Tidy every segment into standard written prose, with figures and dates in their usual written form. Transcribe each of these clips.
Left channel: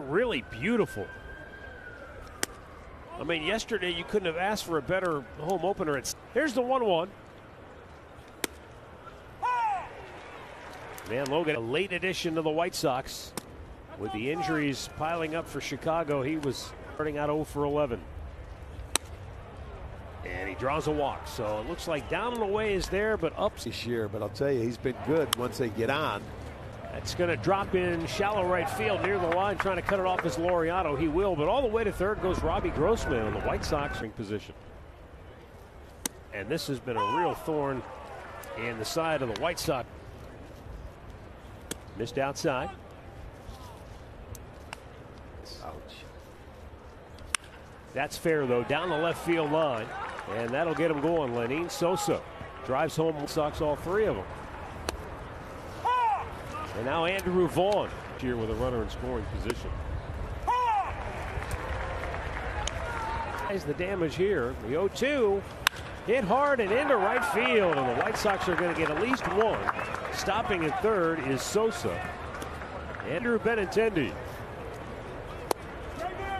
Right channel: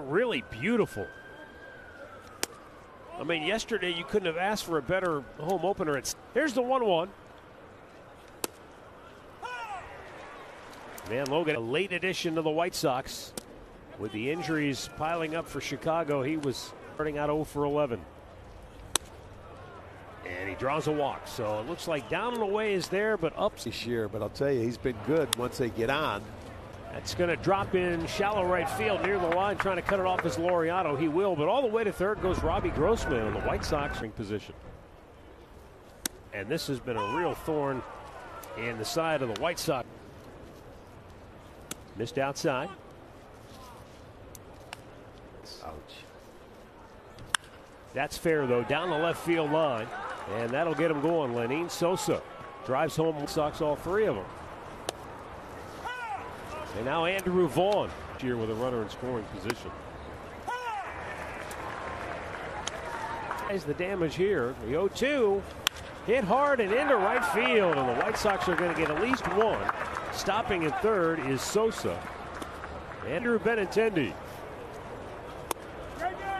Really beautiful. I mean, yesterday you couldn't have asked for a better home opener. Here's the 1-1. Dan Logan, a late addition to the White Sox. With the injuries piling up for Chicago, he was starting out 0 for 11. And he draws a walk. So it looks like down and away is there, but up this year. But I'll tell you, he's been good once they get on. That's going to drop in shallow right field near the line, trying to cut it off as Laureano. He will, but all the way to third goes Robbie Grossman on the White Sox in position. And this has been a real thorn in the side of the White Sox. Missed outside. Ouch. That's fair, though, down the left field line. And that'll get him going. Lenyn Sosa drives home White Sox, all three of them. And now Andrew Vaughn here with a runner in scoring position. As the damage here, the 0-2 hit hard and into right field, and the White Sox are going to get at least one. Stopping at third is Sosa. Andrew Benintendi.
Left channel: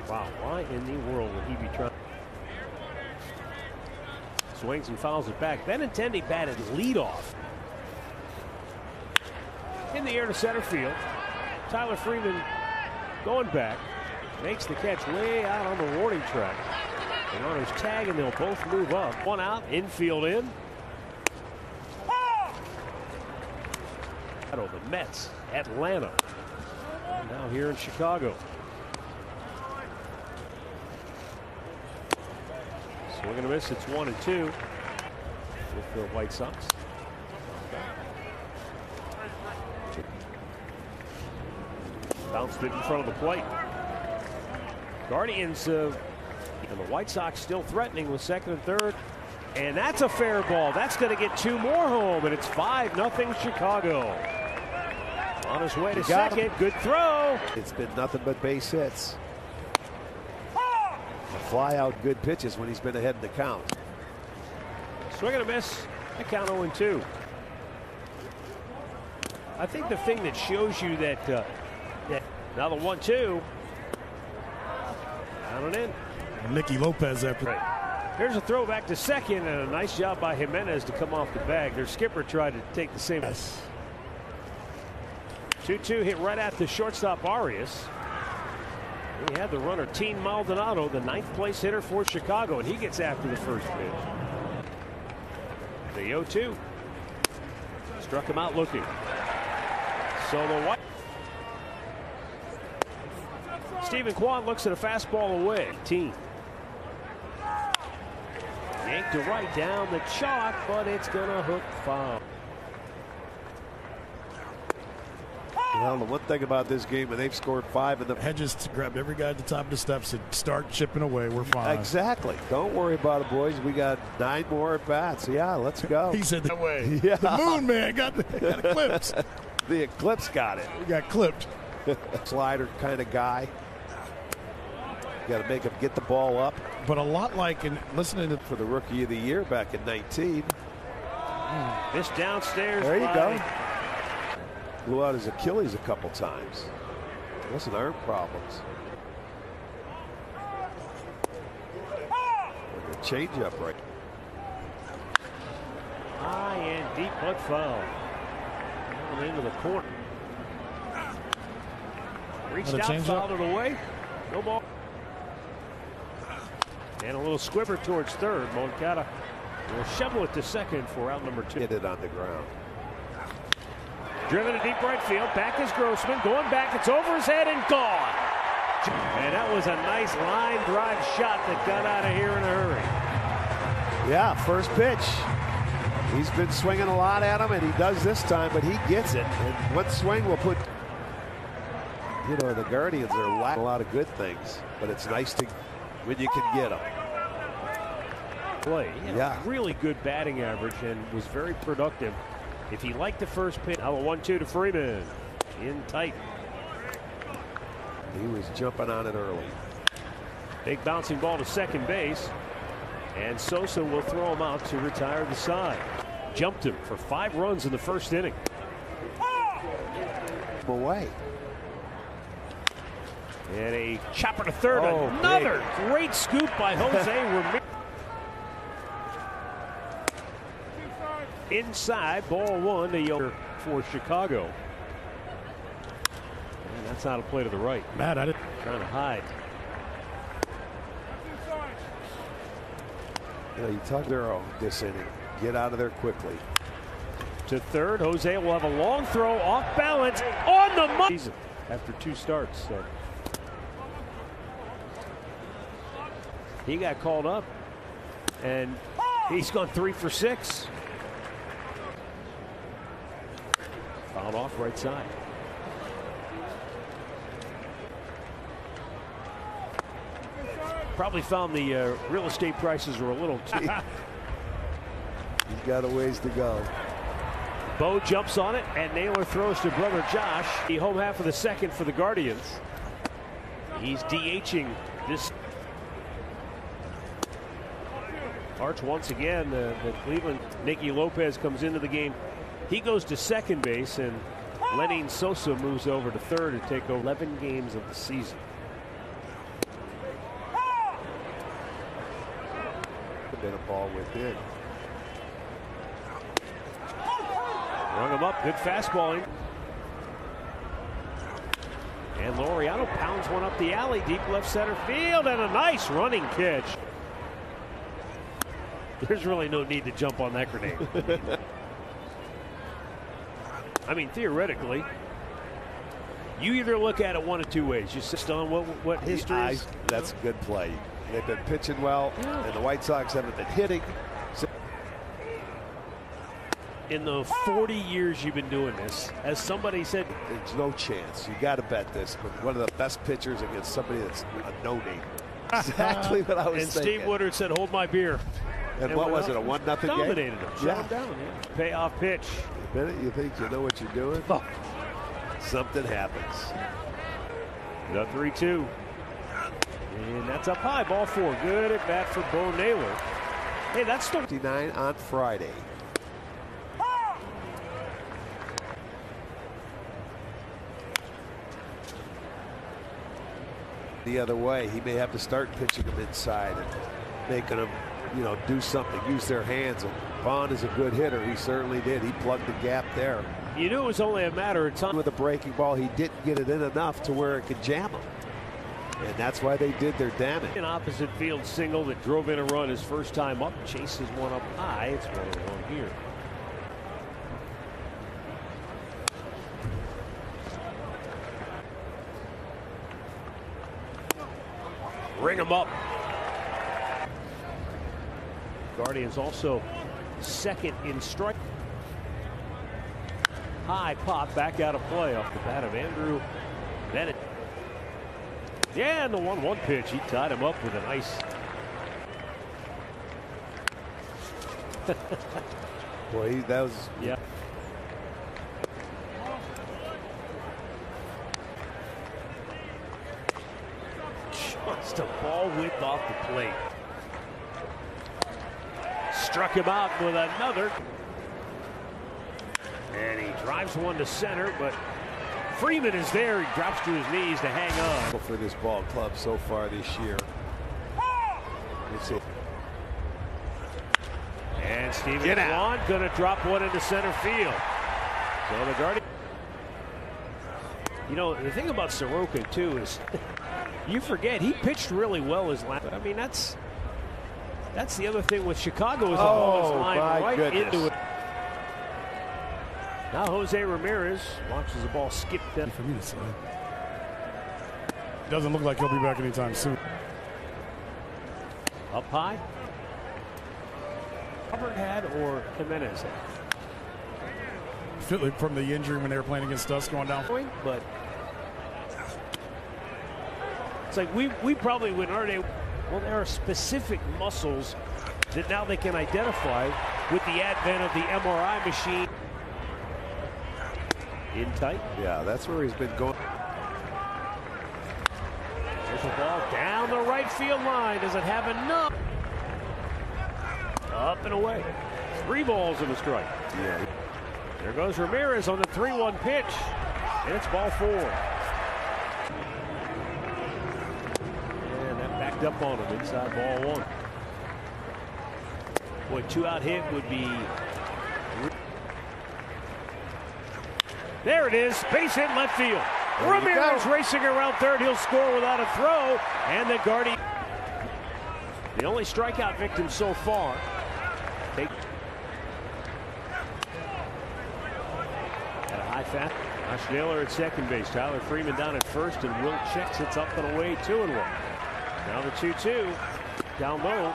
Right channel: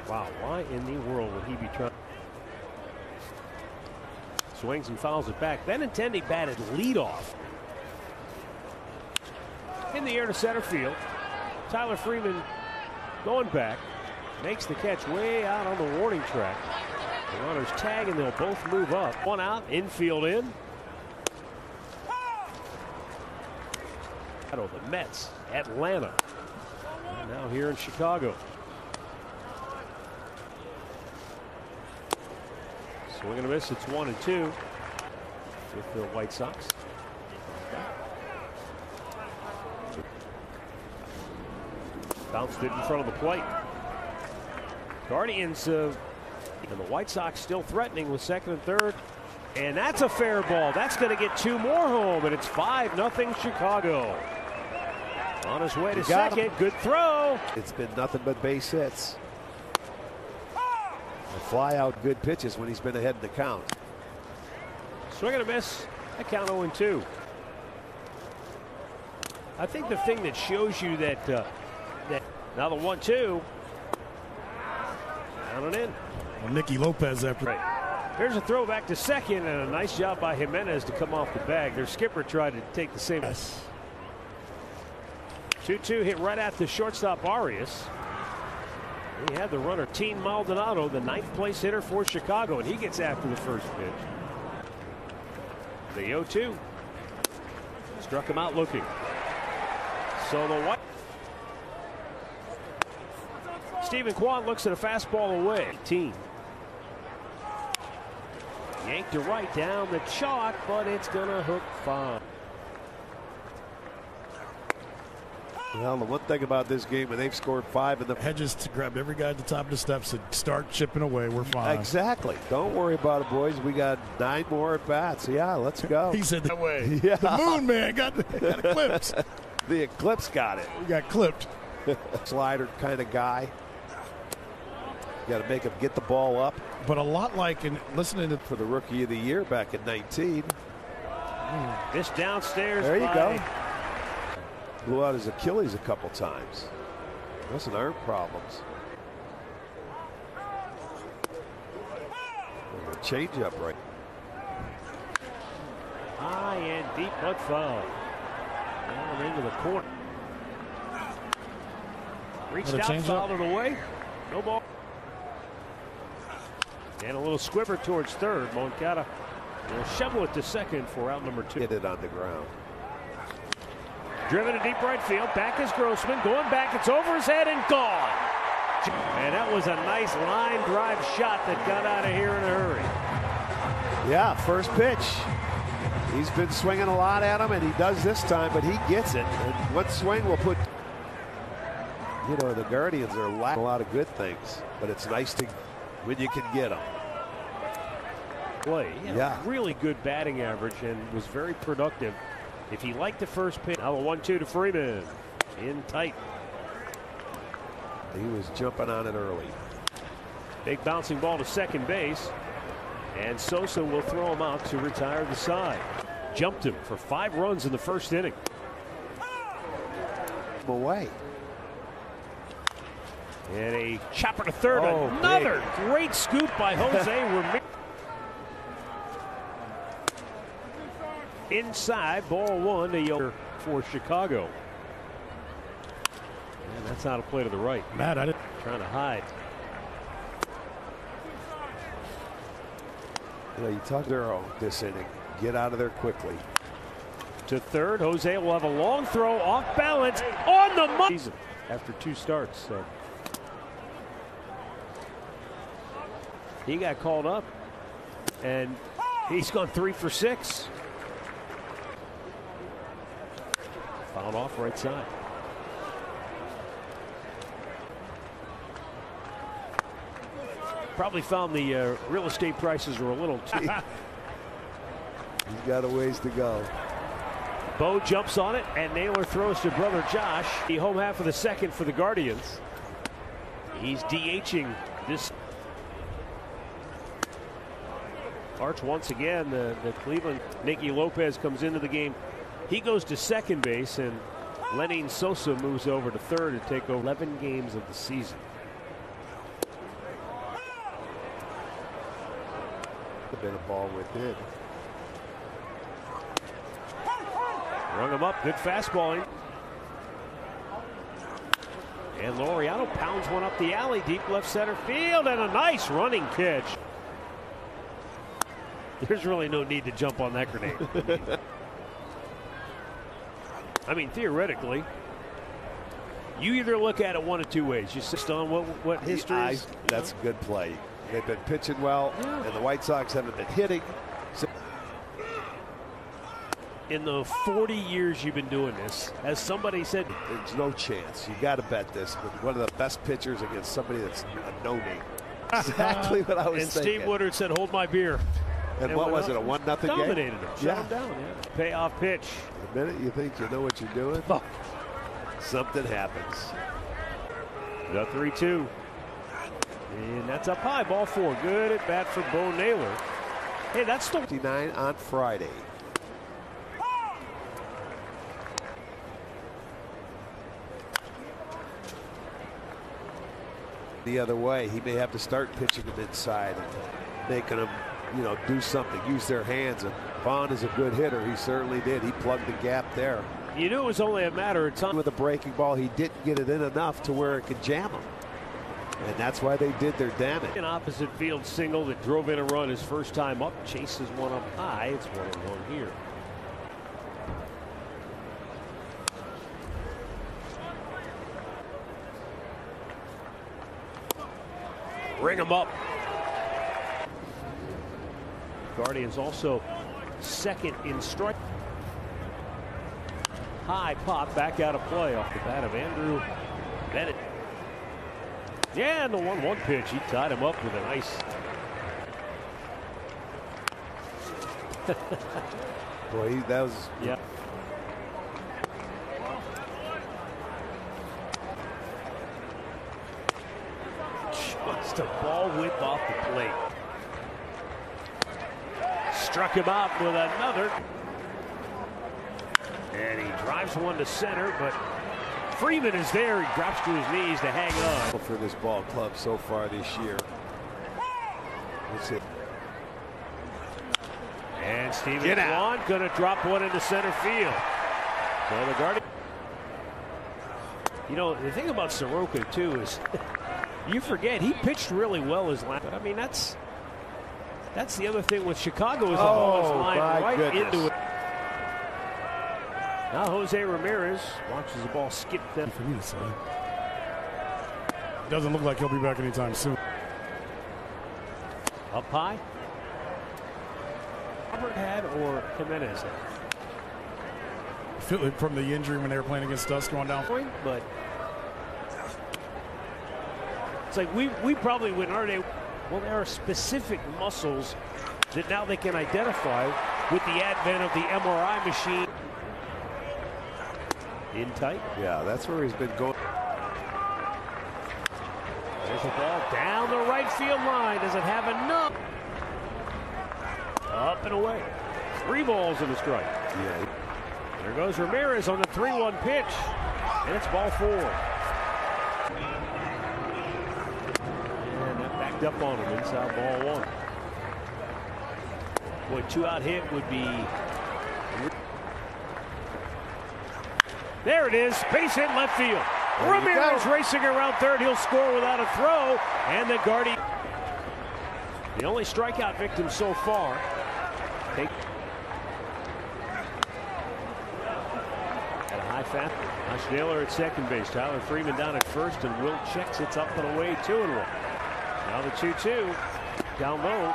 Wow, why in the world would he be trying? Swings and fouls it back. Benintendi batted leadoff. In the air to center field. Tyler Freeman going back. Makes the catch way out on the warning track. The runners tag and they'll both move up. One out, infield in. The Mets, Atlanta. And now here in Chicago. Swing and a miss. It's 1-2 with the White Sox. Bounced it in front of the plate. Guardians and the White Sox still threatening with second and third. And that's a fair ball. That's going to get two more home, and it's 5-0 Chicago. On his way to second. Good throw. It's been nothing but base hits. The fly out good pitches when he's been ahead in the count. Swing and a miss. A count 0-2. I think the thing that shows you that now the 1-2. Down and in. And Nicky Lopez after. Here's a throw back to second, and a nice job by Jimenez to come off the bag. Their skipper tried to take the same. 2-2 hit right at the shortstop Arias. We have the runner Team Maldonado, the 9th place hitter for Chicago, and he gets after the first pitch. The 0-2 struck him out looking. So the White. Stephen Kwan looks at a fastball away. Team. Yanked to right down the chalk, but it's going to hook foul. Well, the one thing about this game, when they've scored 5 in the Hedges grabbed every guy at the top of the steps and start chipping away. We're fine. Exactly. Don't worry about it, boys. We got 9 more at bats. Yeah, let's go. He said that way. Yeah. The moon man got eclipsed. The Eclipse got it. We got clipped. Slider kind of guy. You got to make him get the ball up. But a lot like in listening to for the Rookie of the Year back in 19. This downstairs. There you go. Blew out his Achilles a couple times. Wasn't arm problems. And the changeup right. High and deep, but foul. Down into the court. Reached out, fouled it away. No ball. And a little squibber towards third. Moncada will shovel it to second for out number 2. Hit it on the ground. Driven to deep right field. Back is Grossman. Going back. It's over his head and gone. And that was a nice line drive shot that got out of here in a hurry. Yeah, first pitch. He's been swinging a lot at him, and he does this time, but he gets it. And one swing will put. You know, the Guardians are lacking a lot of good things, but it's nice to when you can get them. Play. Yeah. Really good batting average and was very productive. If he liked the first pitch, now a 1-2 to Freeman. In tight. He was jumping on it early. Big bouncing ball to second base. And Sosa will throw him out to retire the side. Jumped him for 5 runs in the first inning. Away. And a chopper to third. Oh, another great scoop by Jose. Inside, ball one to Yoder for Chicago. And that's out of play to the right. Matt, I didn't. Trying to hide. You talk their own this inning. Get out of there quickly. To third, Jose will have a long throw off balance on the money after 2 starts. So he got called up, and he's gone 3 for 6. Fouled off right side. Probably found the real estate prices were a little too. He's got a ways to go. Bo jumps on it, and Naylor throws to brother Josh. The home half of the second for the Guardians. He's DHing this. Arch once again, the Cleveland. Nicky Lopez comes into the game. He goes to second base, and Lenin Sosa moves over to third to take 11 games of the season. A bit of ball within. Rung him up, good fastballing. And Laureano pounds one up the alley, deep left center field, and a nice running catch. There's really no need to jump on that grenade. I mean, theoretically, you either look at it one of 2 ways. You sit on what history is. That's a good play. They've been pitching well, and the White Sox haven't been hitting. So in the 40 years you've been doing this, as somebody said, there's no chance. You got to bet this. But one of the best pitchers against somebody that's a no-name. Exactly what I was and thinking. Steve Woodard said, "Hold my beer." And what was it, a 1-0 game? Dominated him. Shut him down. Yeah. Payoff pitch. The minute you think you know what you're doing, something happens. The 3-2. And that's up high. Ball 4. Good at bat for Bo Naylor. Hey, that's still 59 on Friday. The other way, he may have to start pitching him inside and making them, do something, use their hands. And Vaughn is a good hitter. He certainly did. He plugged the gap there. You knew it was only a matter of time. With a breaking ball, he didn't get it in enough to where it could jam him. And that's why they did their damage. An opposite field single that drove in a run his first time up. Chases one up high. It's 1-1 here. Ring him up. Guardians also second in strike. High pop back out of play off the bat of Andrew Bennett. Yeah, and the 1-1 pitch. He tied him up with a nice. Boy, that was. Yeah. Just a ball whip off the plate. Struck him out with another. And he drives one to center, but Freeman is there. He drops to his knees to hang on. For this ball club so far this year. That's it. And Steven Kwan going to drop one into center field. So the Guardians. The thing about Soroka, too, is you forget he pitched really well his last. I mean, that's the other thing with Chicago is the ball is flying right into it. Now Jose Ramirez watches the ball skip that. Doesn't look like he'll be back anytime soon. Up high. Hubbard had or Jimenez had? From the injury when they were playing against us going down. But it's like we probably wouldn't. Well, there are specific muscles that now they can identify with the advent of the MRI machine. In tight. Yeah, that's where he's been going. There's the ball down the right field line. Does it have enough? Up and away. 3 balls and a strike. Yeah. There goes Ramirez on the 3-1 pitch. And it's ball 4. sneaked up on him inside ball 1. Boy, 2-out hit would be. There it is. Base hit left field. Ramirez racing around third. He'll score without a throw. And the Guardian. The only strikeout victim so far. At a high fat. Josh Naylor at second base. Tyler Freeman down at first. And Will Chick sits up and away 2-1. Now the 2-2. Down low.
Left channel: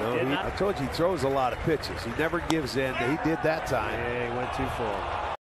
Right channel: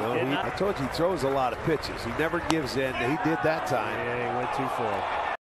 No, I told you he throws a lot of pitches. He never gives in. He did that time. Yeah, he went too far.